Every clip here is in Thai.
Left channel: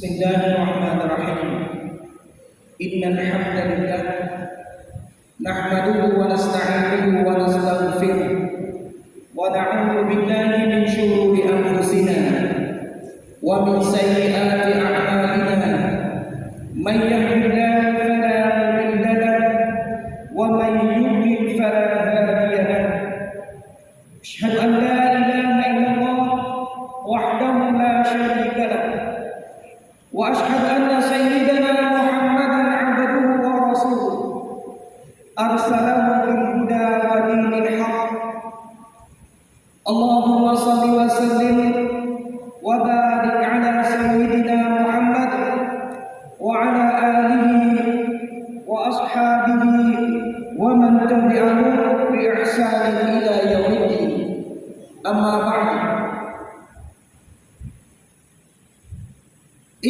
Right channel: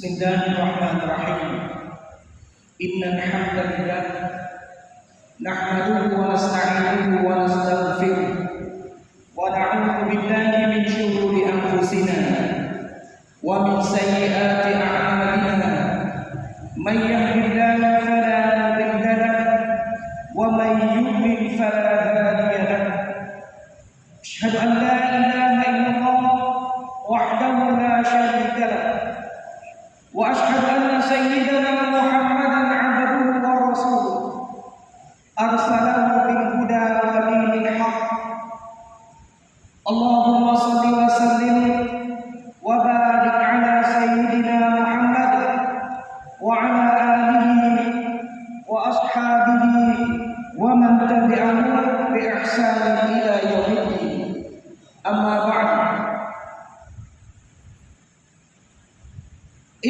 بسم الله الرحمن الرحيم. إن الحمد لله نحمده ونستعينه ونستغفره ونعوذ بالله من شرور أنفسنا ومن سيئات أعمالنا. من يهد الله فلا مضل له ومن يضلل فلا هادي له. أشهد أن لا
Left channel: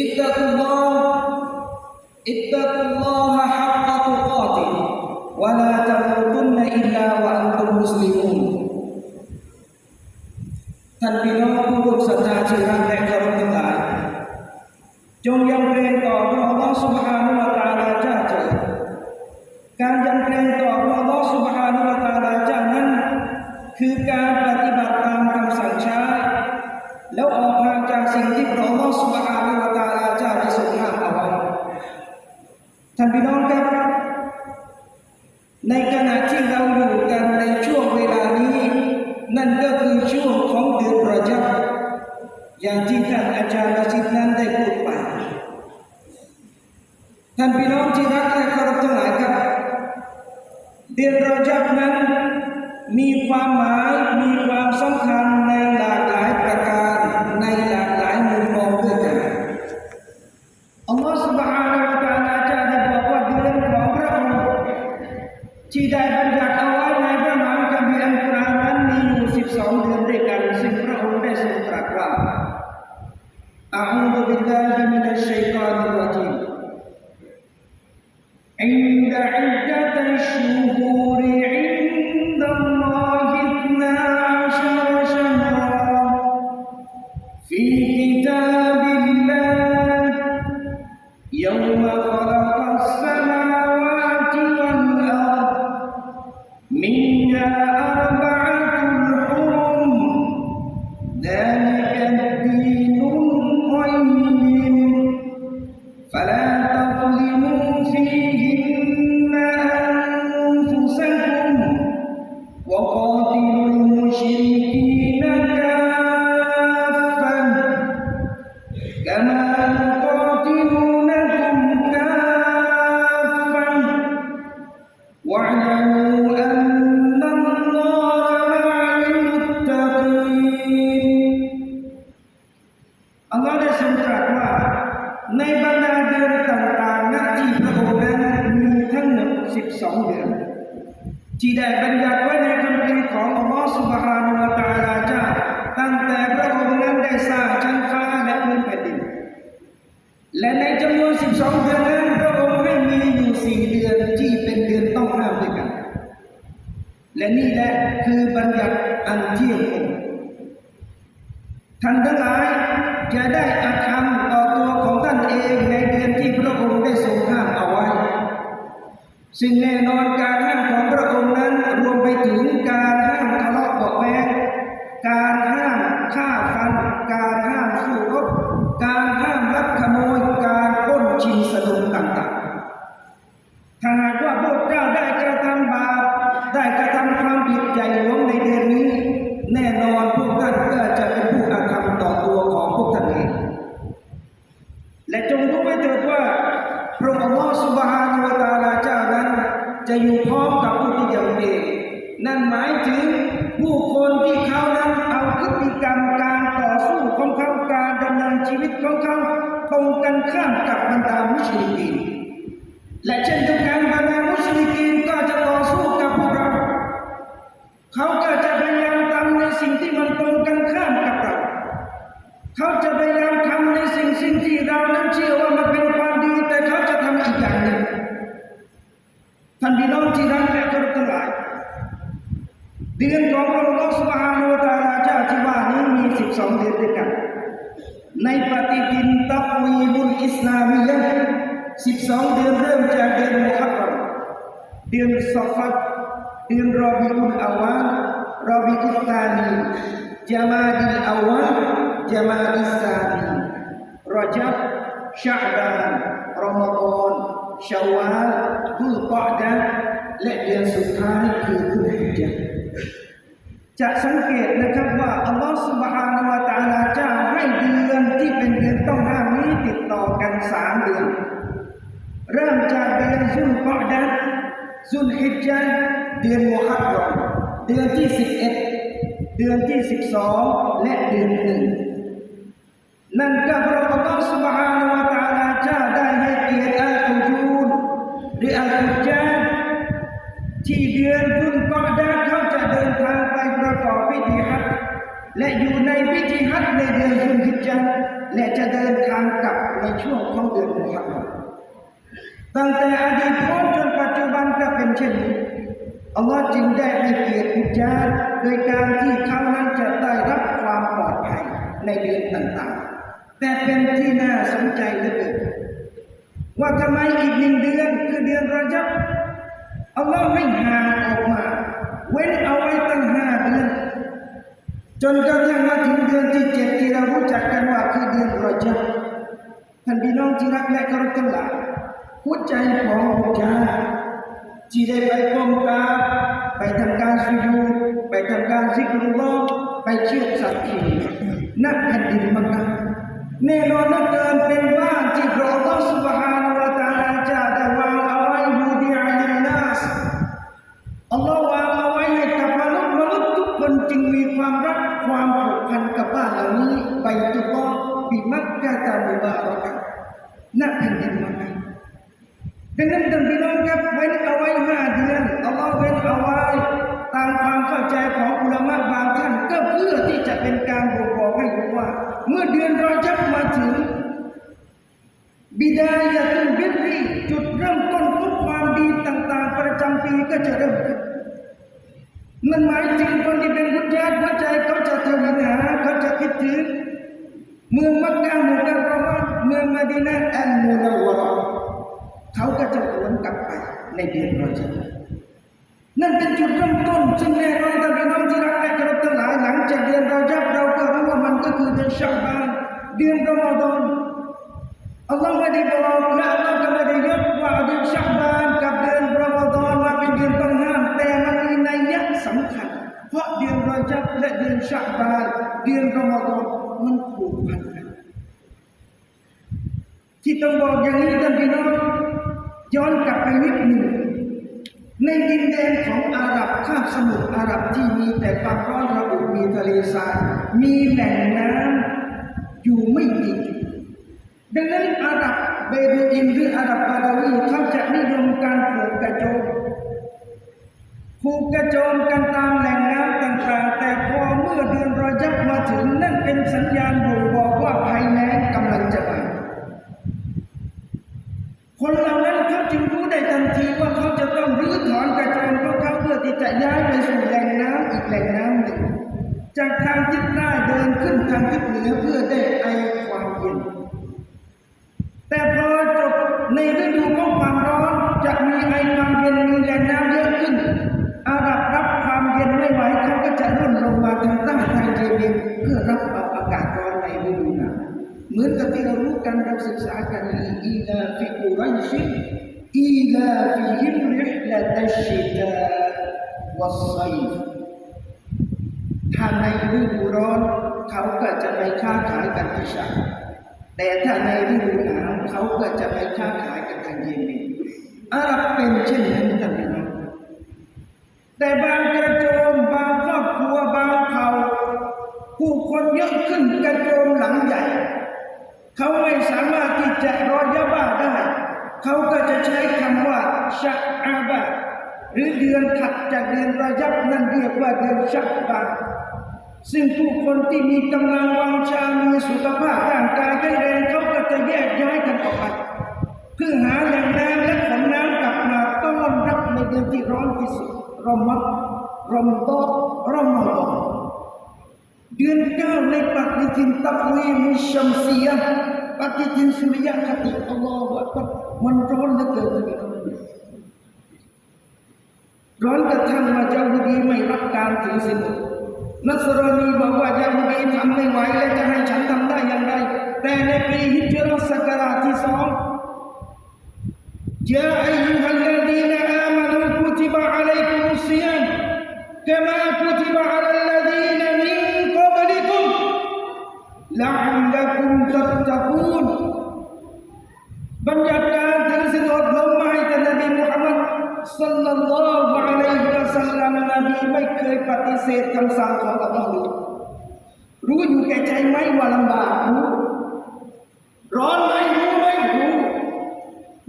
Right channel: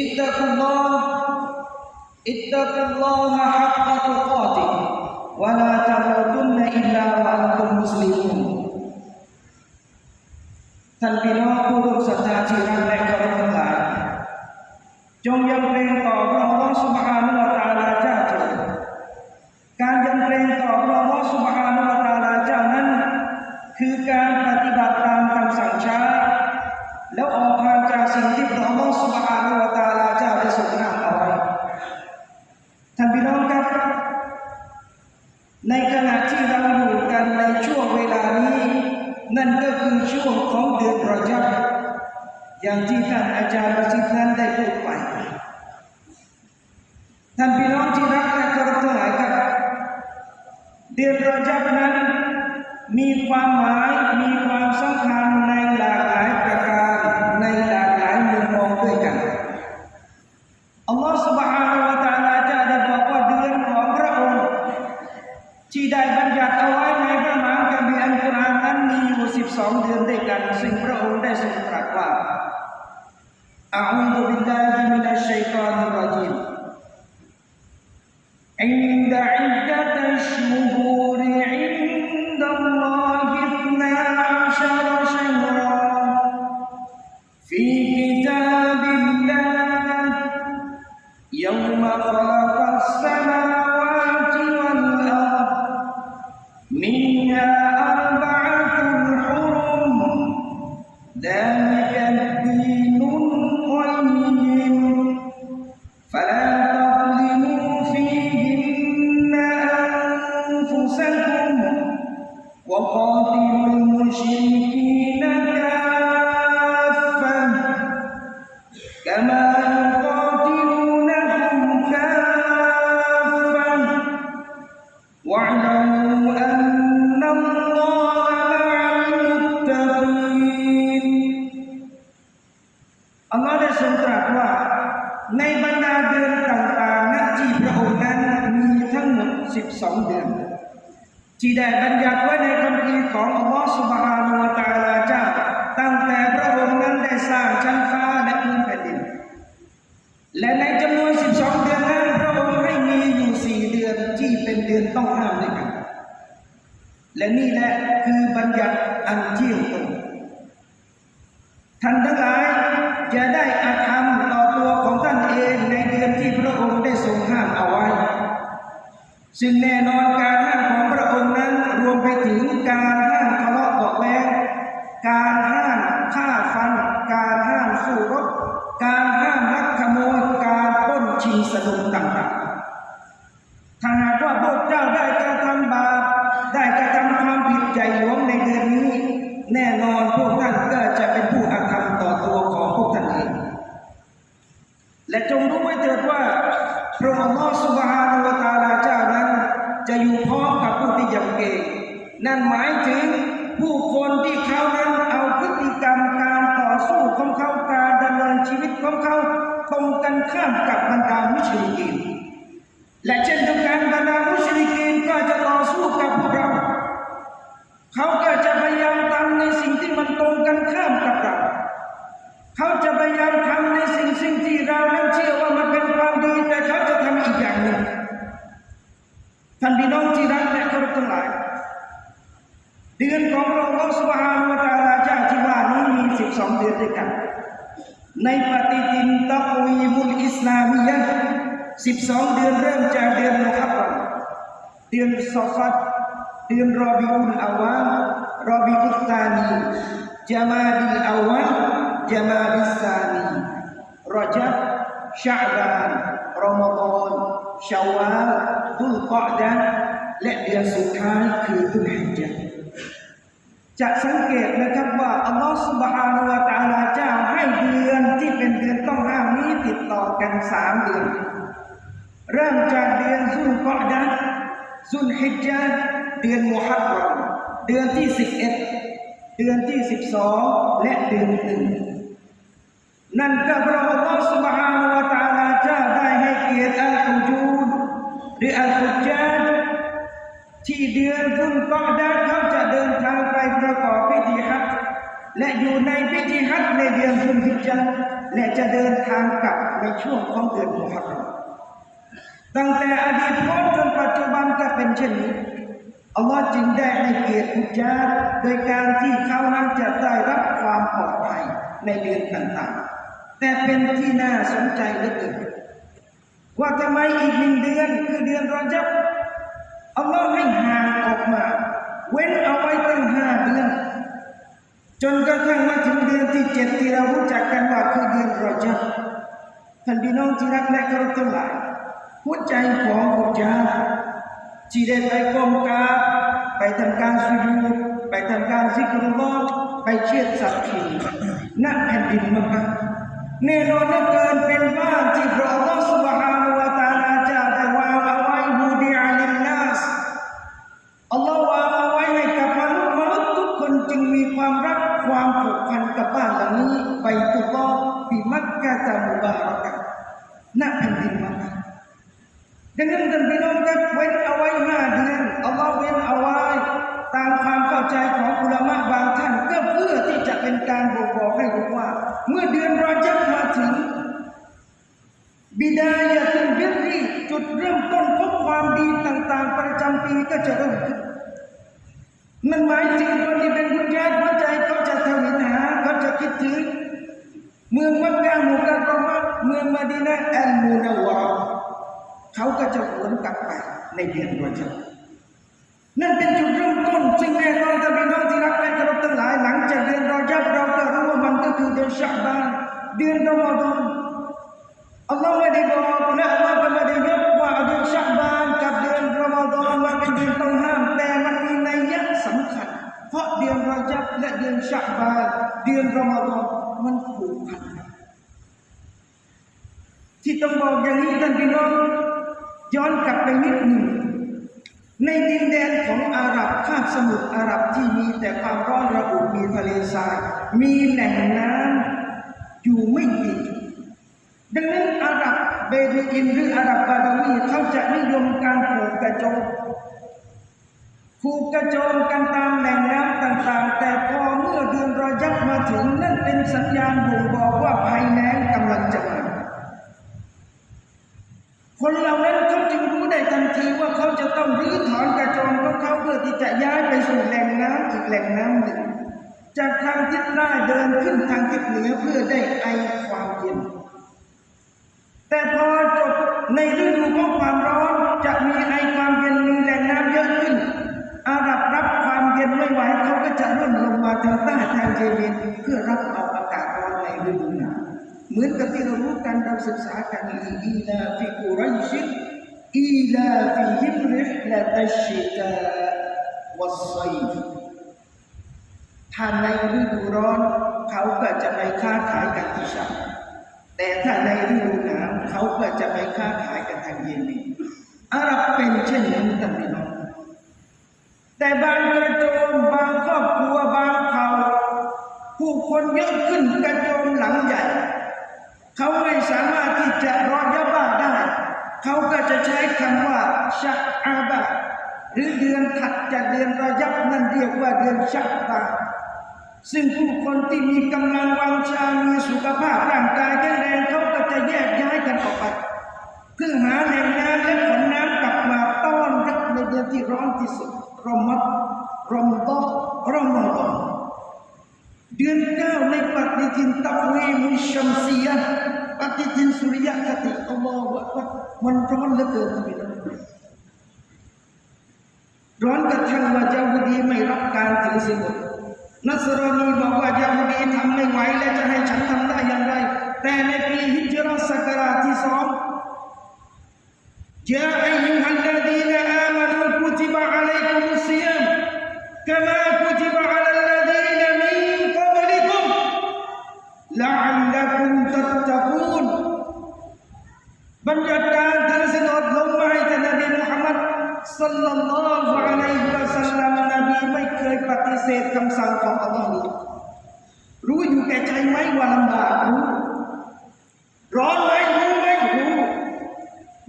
اتقوا الله اتقوا الله حق تقاته ولا تموتن الا وانتم مسلمون ท่านพี่น้องผู้ร่วมศรัทธาที่รัก ท่านพี่น้องครับ ในขณะที่เราอยู่กันในช่วงเวลานี้ นั่นก็คือช่วงของเดือนรอจับอย่างที่ท่านอาจารย์ประสิทธิ์นั้นได้พูดไป ท่านพี่น้องที่รักและเคารพทั้งหลายครับ เดือนรอจับนั้นมีความหมายมีความสำคัญในหลากหลายประการ อยู่ Then การเดินต่างๆณที่พระองค์นั้นมีทั้งหมด 12 เดือนที่ได้บัญญัติไว้ในคำพีของอัลลอฮฺสุบฮานุวะตาลา ชีวิตของเขาตรงกันข้ามกับบรรดามุชริกีนและเช่นเดียวกันบรรดามุชริกีนก็จะต่อสู้กับพวกเราเขาก็จะพยายามทำในสิ่งที่มันตรงกันข้ามกับเราเขาจะพยายามทำในสิ่งสิ่งที่เรานั้นเชื่อว่ามันเป็นความดีแต่เขาจะทำอีกอย่างหนึ่งท่านพี่น้องที่รักและเคารพทั้งหลายเดือนของพระองค์สุบฮานุวะตะอาลาเจ้าที่ว่านี้มี 12 เดือนด้วยกัน ในปฏิทินตักวีมุลอิสลามียะ12เดือนเริ่มจากเดือนมุฮัรรอมเดือนซอฟัดเดือนรอบิอุลอาวาลรอบิอุตานีจามาดิลอาวาลจามาดิลซานีรอจับชาบานรอมฎอนชาวาลดุลกอดะห์และเดือนสุดท้ายคือดุลฮิจญะห์ จะสังเกตนะครับว่าอัลลอฮฺสุบฮานาวะตาลาเจ้าให้เดือนที่เป็นเดือนต้องห้ามนี้ติดต่อกันสามเดือน เริ่มจากเดือนซุลกอดะห์ซุลฮิจญ์เดือนมุฮัรรอมเดือนที่สิบเอ็ดเดือนที่สิบสองและเดือนหนึ่งนั่นก็เพราะอัลลอฮฺสุบฮานาวะตาลาเจ้าได้ให้เกียรติอัลฮุจูดหรืออัลฮุจญา ที่เดือนกุลกอดาเขาจะเดินทางไปประกอบพิธีฮัจญ์และอยู่ในพิธีฮัจญ์ในเดือนกุลฮิจญะห์และจะเดินทางกลับในช่วงของเดือนมุฮัรรอมตั้งแต่อดีตพบจนปัจจุบันก็เป็นเช่นนี้อัลลอฮ์จึงได้ให้เกียรติอุจจาโดยการที่เขานั้นจะได้รับความปลอดภัยในเดือนต่างๆ แต่เป็นที่น่าสนใจเหลือเกินว่าทำไมอีกหนึ่งเดือนคือเดือนรอจับ อัลลอฮ์ให้ห่างออกมา เว้นเอาไว้ตั้งห้าเดือน จนกระทั่งมาถึงเดือนที่เจ็ดที่เรารู้จักกันว่าคือเดือนรอจับท่านพี่น้องที่รักและเคารพทั้งหลายหัวใจของพวกเจ้าที่ได้ไปกองกาไปทำการสุญูไปทำการซิกรุลลอไปเชื่อสัตว์ที่นั่นแผ่นดินมักกะแน่นอนเหลืเกินเป็นบ้านที่พระองค์สุบฮาน ก็จะเริ่มขึ้นนั่นหมายถึงคนที่เป็นผู้ญาติหัวใจเขาจะทวินหาเขาจะคิดถึงเมืองมักกะมุกัรรมะเมืองมะดีนะอัลมุนาวะเขาก็จะหวนกลับไปในเดือนรอจับนั่นเป็นจุดเริ่มต้นซึ่งแน่นอนท่านพี่น้องที่รักและเคารพทั้งหลายหลังจากเดือนรอจับเราก็รู้ว่ามันก็คือเดือนชะบานเดือนรอมฎอนอัลลอฮ์ไม่ได้บอกและอัลลอฮ์ก็ไม่ได้ยกว่าเดือนชับบาน กับเดือนราเป็นเดือนต้องห้าม แต่มันมีนัยยะสำคัญ เพราะเดือนรอจับและเดือนชับบาเดือนรอมฎอนมันผูกพันกันที่ต้องบอกอย่างนี้ท่านพี่น้องย้อนกลับไปนิดหนึ่งในดินแดนของอาหรับคาบสมุทรอาหรับที่มีแต่ความร้อนระอุมีทะเลทรายมีแหล่งน้ำอยู่ไม่กี่จุ ดดังนั้นอาหรับเบดูอินหรืออาหรับบาดาวีเขาจะนิยมการผูกกระโจมผูกกระโจมกันตามแหล่งน้ำต่างๆ แต่พอเมื่อเดือนรอยับมาถึงนั่นเป็นสัญญาณบ่ง ที่เรารู้กันเราศึกษากันอีอีลาฟิกุไรชิอีลาฟิฮิมริฮละตัชชิตาวัสไซฟถ้าในฤดูร้อนเขาก็จะไปค้าขายกันที่ชาแต่ถ้าในฤดูหนาวเขาก็จะไปค้าขายกันทางเยเมนอาหรับเป็นเช่นนั้นท่านพี่น้องแต่บางกระโจมบางครอบครัวบางเผ่าผู้คนเยอะขึ้นกระโจมหลังใหญ่ เขาไม่สามารถที่จะรอยาบ้าได้ เขาก็จะใช้คำว่าชักอาบะหรือเดือนถัดจากเดือนรอยับนั่นเรียกว่าเดือนชักบาซึ่งผู้คนที่มีกำลังวังชา มีสุขภาพร่างกายแข็งแรงเขาก็จะแยกย้ายกันออกไปเพื่อหาแหล่งน้ำและขนน้ำกลับมาต้อนรับในเดือนที่ร้อนที่สุดรอมัดรอมฎอนรอมฎอน Dia kau lepak di cinta kui suriah kata Allah wakbar Mendoan lega lah kami Doan kecang macam budi merapkan Nasrani bahwa Yahudi tak mengenai lecah yang cantang tak yang lain. Di sol ลากรู้ร้อนไหมรู้ไหมรู้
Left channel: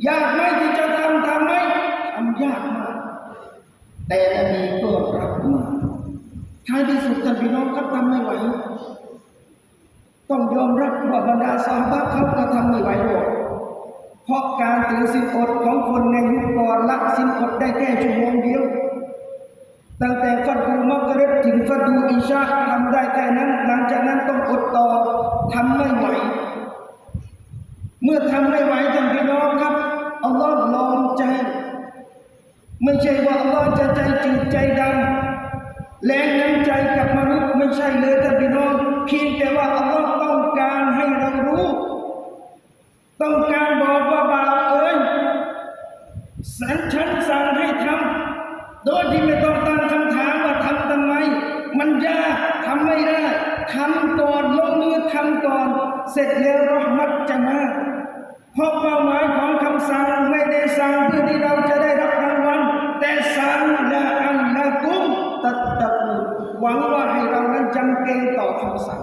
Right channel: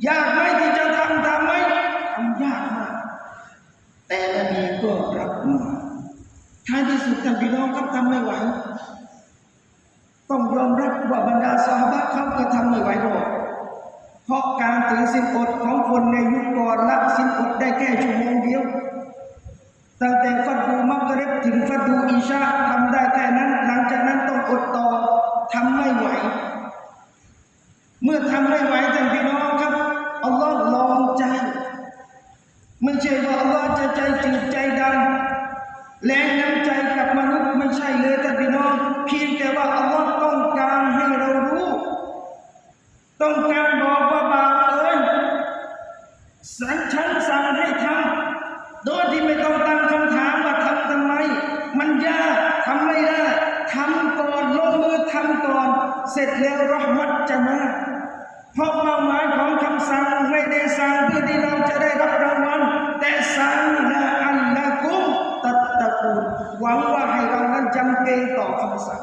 ยากไหมที่จะทำทำไหมทำยากมากแต่นบีก็รับมาท้ายที่สุดท่านพี่น้องครับทำไม่ไหว ต้องยอมรับว่าบรรดาสาบะเขาก็ทำไม่ไหวหรอกเพราะการถือสินอดของคนในยุคก่อนละสินอดได้แค่ชั่วโมงเดียว ตั้งแต่ฟัดดูมักริบถึงฟัดดูอิชาทำได้แค่นั้น หลังจากนั้นต้องอดต่อทำไม่ไหว เมื่อทำไม่ไหวท่านพี่น้องครับอัลลอฮ์ลองใจ ไม่ใช่ว่าอัลลอฮ์จะใจจืดใจดำแรงน้ำใจกับมนุษย์ไม่ใช่เลยท่านพี่น้อง เพียงแต่ว่าอัลลอฮ์ต้องการให้เรารู้ ต้องการบอกว่าบาปเอ้ยสันฉันสั่งให้ทำโดยที่ไม่ต้องต ทำก่อนลงมือทำก่อน เสร็จแล้วรหมัดจะมาเพราะเป้าหมายของคำสั่งไม่ได้สั่งเพื่อที่เราจะได้รับรางวัลแต่สั่งละอันละกุมตัดตะกูหวังว่าให้เรานั้นจำเกต่อคำสั่ง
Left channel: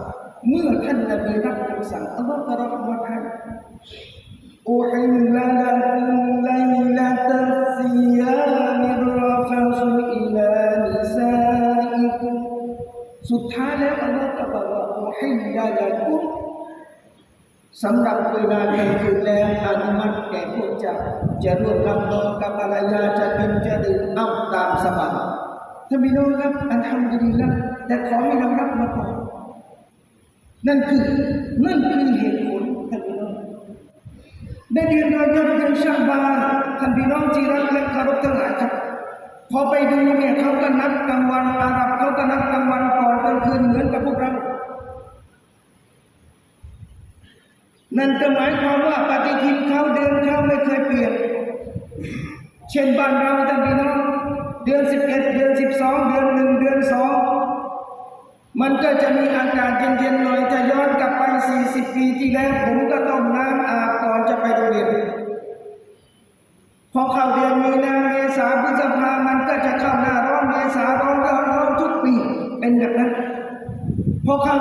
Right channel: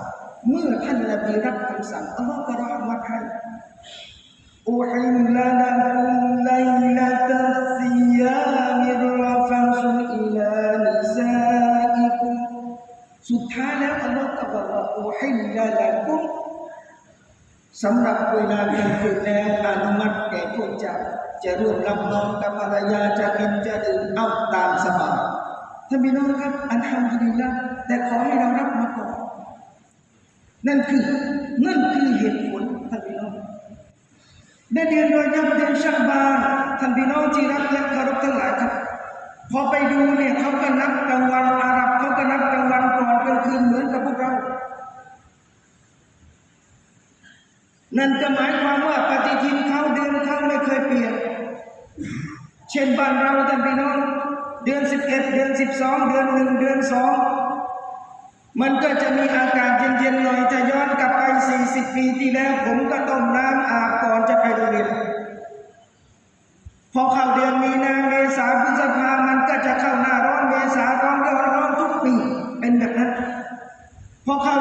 เมื่อท่านะไปรับคำสั่งอัลลอฮฺก็รหมัดให้อุฮิลลาลักุมไลลาตัลซียามิรฟัสุอิลานิซาอิกุมสุดท้ายแล้วอัลลอฮ ลลาละกุมสำหรับเวลากลางคืนแล้วอนุมัติแก่พวกเจ้าจะร่วมรับนอนกับภรรยาจะกินจะดื่มเอาตามสบายท่านพี่น้องครับอัลฮัมดุลิลละแต่ขอให้เรารับมาก่อนนั่นคือนั่นคือเหตุผลท่านพี่น้องในเดือนรอยับเดือนชับบานท่านพี่น้องที่รักและเคารพทั้งหลายครับพอไปดูเนี่ยเขาก็นับกลางวันอาหรับเขาก็นับกลางวันก่อนกลางคืนเหมือนกับพวกเรา นั่นก็หมายความว่าปฏิทินเขาเดือนเขาไม่เคยเปลี่ยน เช่นบ้านเราท่านพี่น้อง เดือนสิบเอ็ดเดือนสิบสองเดือนหนึ่งเดือนสองมันก็จะมีอากาศเย็นๆหน่อยจะย้อนกลับไป40ปีที่แล้ว ผมก็ต้องน้ำอาบก่อนจะไปโรงเรียนพอเข้าเดือนมีนาเมษาพฤษภามันก็จะเข้าหน้าร้อนเมษาร้อนร้อนร้อนทุกปีเป็นแบบนั้นพอเข้า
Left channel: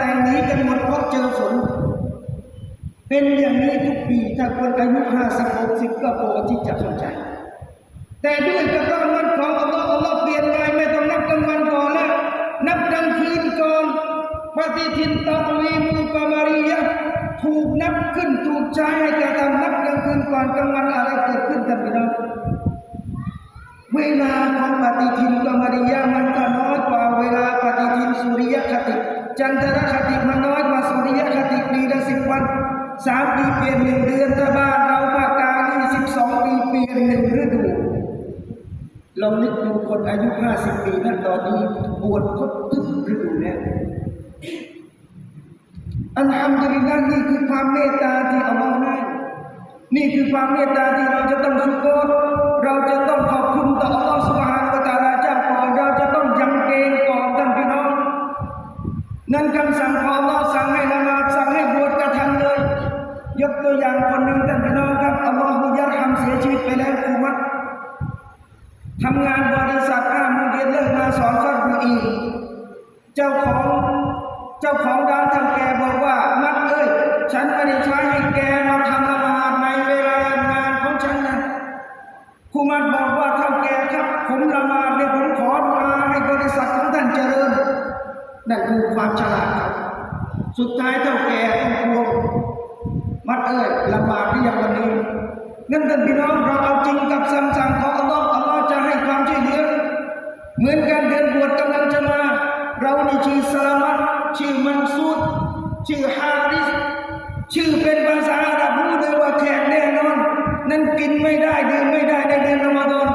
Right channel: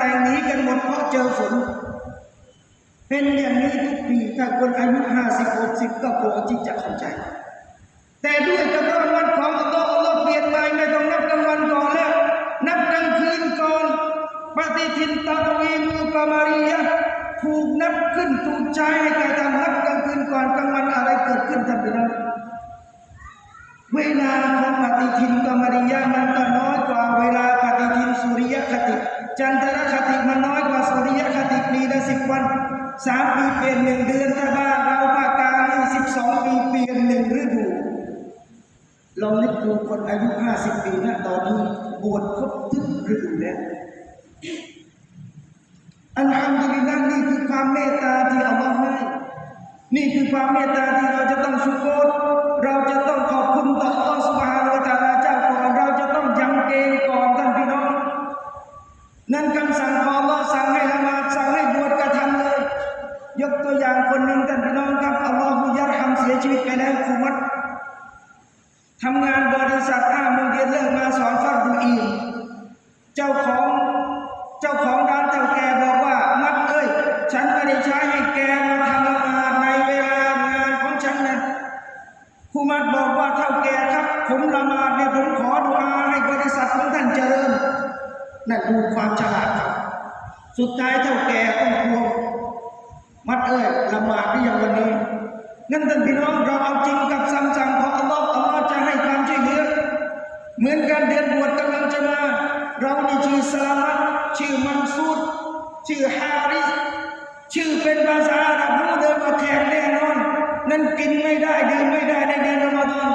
รางานแต่งหนีกันหมดเพราะเจอฝนเป็นอย่างนี้ทุกปีถ้าคนอายุ50 60ก็พอที่จะเข้าใจ แต่ด้วยกระบวนการของอัลลอฮ์อัลลอฮ์เปลี่ยนไปไม่ต้องนับกลางวันก่อนแล้ว นับกลางคืนก่อนปฏิทินตะวีมุกามารียะห์ถูกนับขึ้นถูกใช้ให้แก่ทำนับกลางคืนก่อนกลางวันอะไรเกิดขึ้นท่านพี่น้องเวลาของปฏิทิน มปีเปลี่ยนหนึ่งเดือนถ้าบ้านเราภาคกานี่สิบสองปีเปลี่ยนหนึ่งฤดูลองนึกดูคนอายุ50ปีนะตอนนี้บวชครบทุกฤดูแล้วอัลฮัมดุลิลละห์นี่คือความเมตตาที่อัลลอฮ์ให้นี่คือความเมตตาที่เราจะต้องชุกรเราจะต้องขอบคุณต่ออัลลอฮ์สุบฮานะฮูวะตาลาเจ้าก่อนเราจะต้องยังเกณฑ์ก่อนท่านพี่น้อง นั่นคำสั่งของ วอย่งคนหนึ่งท่านพี่น้องครับอัลลอฮฺยัดทำเสียชีวิตไปแล้วครูมัดทำงานบริษัทห้าโมงเย็นเลิกมาสอนฟัดดูอีกเจ้าของเจ้าของร้านทำแกบอกว่านัดเอ้ยฉันไม่ได้ใช้ให้แกมาทำละหมาดในเวลางานของฉันนะครูมัดบอกว่าเท่าแกครับผมละหมาดเนี่ยผมขอดุอาให้บริษัทของท่านเจริญนั่นคือความฉลาดครับ สุดท้ายเท่าแกต้องพวงมัดเอ้ย ละหมางวันนี้นั่นท่านพี่น้องเราเอาจริงกับคำสั่งของอัลลอฮ์อัลลอฮ์จะให้ความช่วยเหลือเหมือนกันเดือนบวชกำลังจะมา เรานี่ชื่อสลามัตชื่อมังซูดชื่อฮาริสชื่อเป็นภาษาอาหรับรู้เลยว่าแขกแน่นอน นั่นกินไม่ได้ดื่มไม่ได้ในเดือนรอมฎอน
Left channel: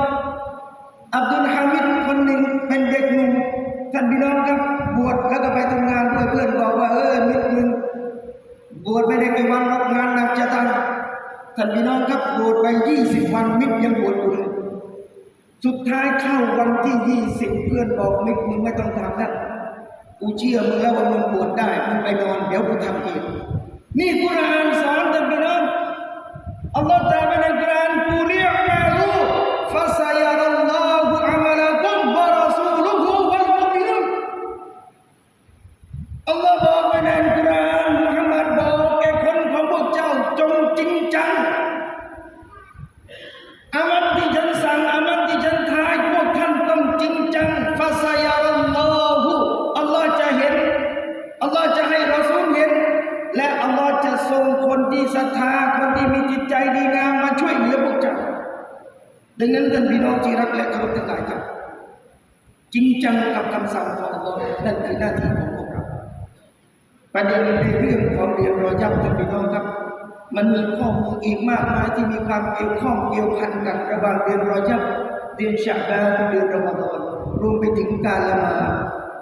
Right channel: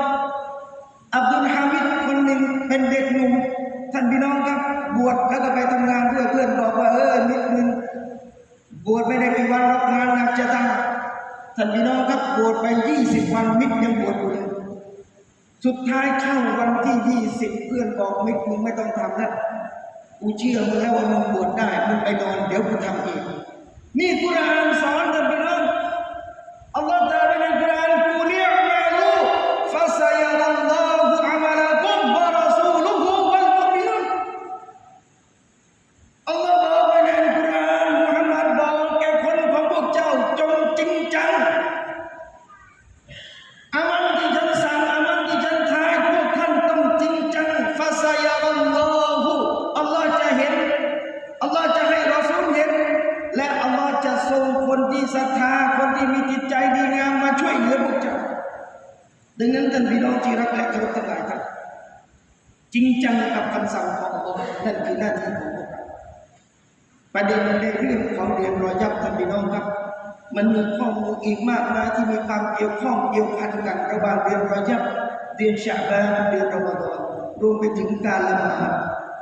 อับดุลฮามิดคนหนึ่งเป็นเด็กหนุ่มท่านพี่น้องครับบวชแล้วก็ไปทำงานเพื่อนบอกว่าเออนิดนึงบวชไม่ได้ไปวันรับงานหนักจะทำ ท่านพี่น้องครับบวชไปยี่สิบวันมิดยังบวชอยู่เลยสุดท้ายเข้าวันที่ยี่สิบเพื่อนบอกมิดมึงไม่ต้องทำแล้วกูเชื่อมึงแล้วว่ามึงบวชได้มึงไปนอนเดี๋ยวกูทำเองนี่กุรานสอนท่านพี่น้องอัลลอฮฺจะ ดังนั้นท่านพี่น้องที่รักและเคารพทั้งหลายครับ จริงจังกับคำสั่งของอัลลอฮ์นั่นคือหน้าที่ของพวกเราประเด็นในเรื่องของเดือนรอยับท่านพี่น้องครับ มันมีข้อมูลอีกมากมายที่มีความเกี่ยวข้องเกี่ยวพันกันระหว่างเดือนรอยับเดือนชะบานเดือนรอมฎอนรวมไปถึงการละหมาด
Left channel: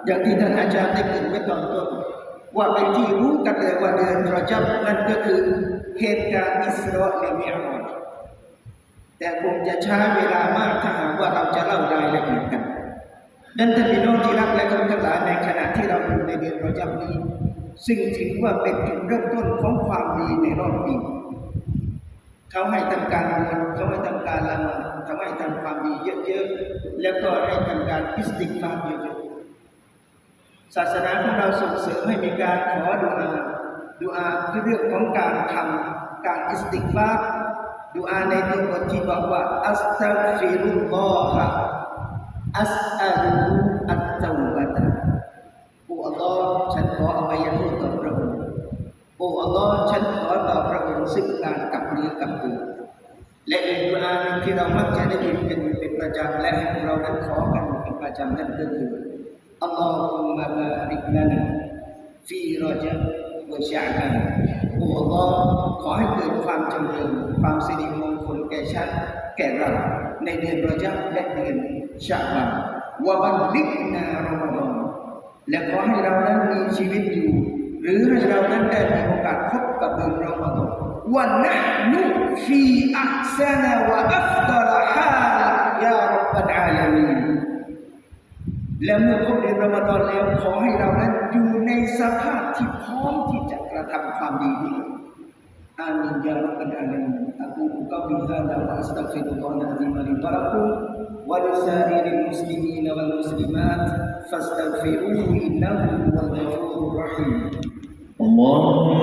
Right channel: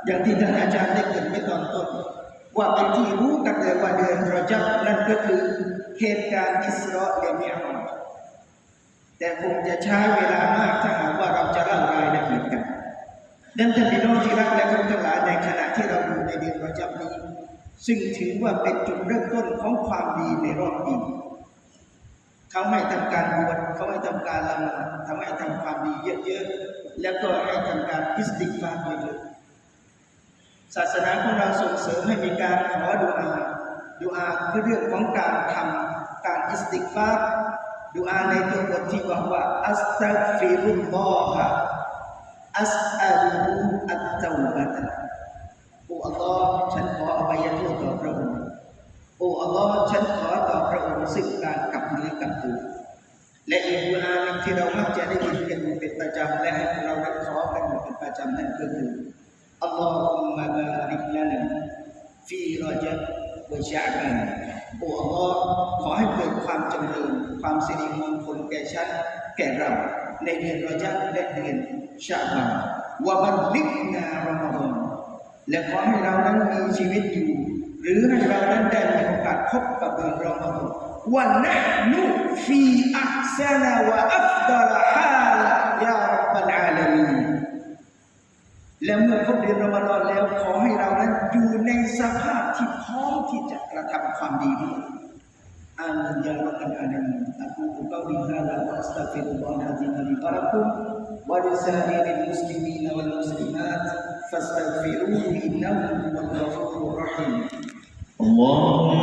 อย่างที่ท่านอาจารย์ได้เกรินไว้ตอนต้นว่าเป็นที่รู้กันเลยว่าเดือนรอจับนั่นก็คือเหตุการณ์อิสราเอลมิอาราจ แต่คงจะใช้เวลามากถ้าหากว่าเราจะเล่ารายละเอียดกันนั้นท่านพี่น้องที่รักและเคารพทั้งหลายในขณะที่เราอยู่ในเดือนปรอจับนี้ ซึ่งถือว่าเป็นจุดเริ่มต้นของความดีในรอบปีเขาให้ทำการบวชเขาให้ทำการละหมาดเขาให้ทำความดีเยอะๆแล้วก็ให้ทำการอิสติกฟาร์เยอะๆศาสนาของเราส่งเสริมให้มีการขอดุอาดุอาคือเรื่องของการทำการอิสติกฟาร์ ดูอาในที่บทที่บอกว่าอัสตัฆฟิรุลลอฮะอัสอัลอัตตาบะตโอ้อัลลอฮ์ฉันขออภัยโทษต่อพระองค์โอ้อัลลอฮ์ฉันขอต่อพระองค์ซึ่งการกลับเนื้อกลับตัวและอีกดูอาหนึ่งที่เรามักจะได้ยินเป็นเป็นประจำและเราได้ขอกันเป็นประจำนั่นก็คืออัลลอฮุมมะบาริกลานะฟีรอจับ วชาบันอัลลอฮ์ขอให้เกิดความจำเริญความสิริมงคลแก่ฉันแก่เราในเดือนรอจับและเดือนชาบานวะบันลิกนารอมฎอนและขอให้เรานั้นมีชีวิตอยู่ หรือให้เรานั้นได้มีโอกาสพบกับเดือนรอมฎอนวันนะนุฟีอัพซานาวะอัฟดาลฮาลารับบลอาลามี และเมื่อครบเดือนรอมฎอนแล้วขอให้เรานั้นอยู่ในสภาพที่พร้อมที่จะกระทำความดีด้วยอามินยารับบลอาลามีนอะกูลุกอลิฮาดะวะอัสตัฆฟิรุลลอฮะอะซีมะลิวะลักุมวะลิซาอิริลมุสลิมีนวัลมุสลิมาตฟัสตัฆฟิรูฮุอินนะฮูวัลกอฟูรุรเราะฮีม اللهم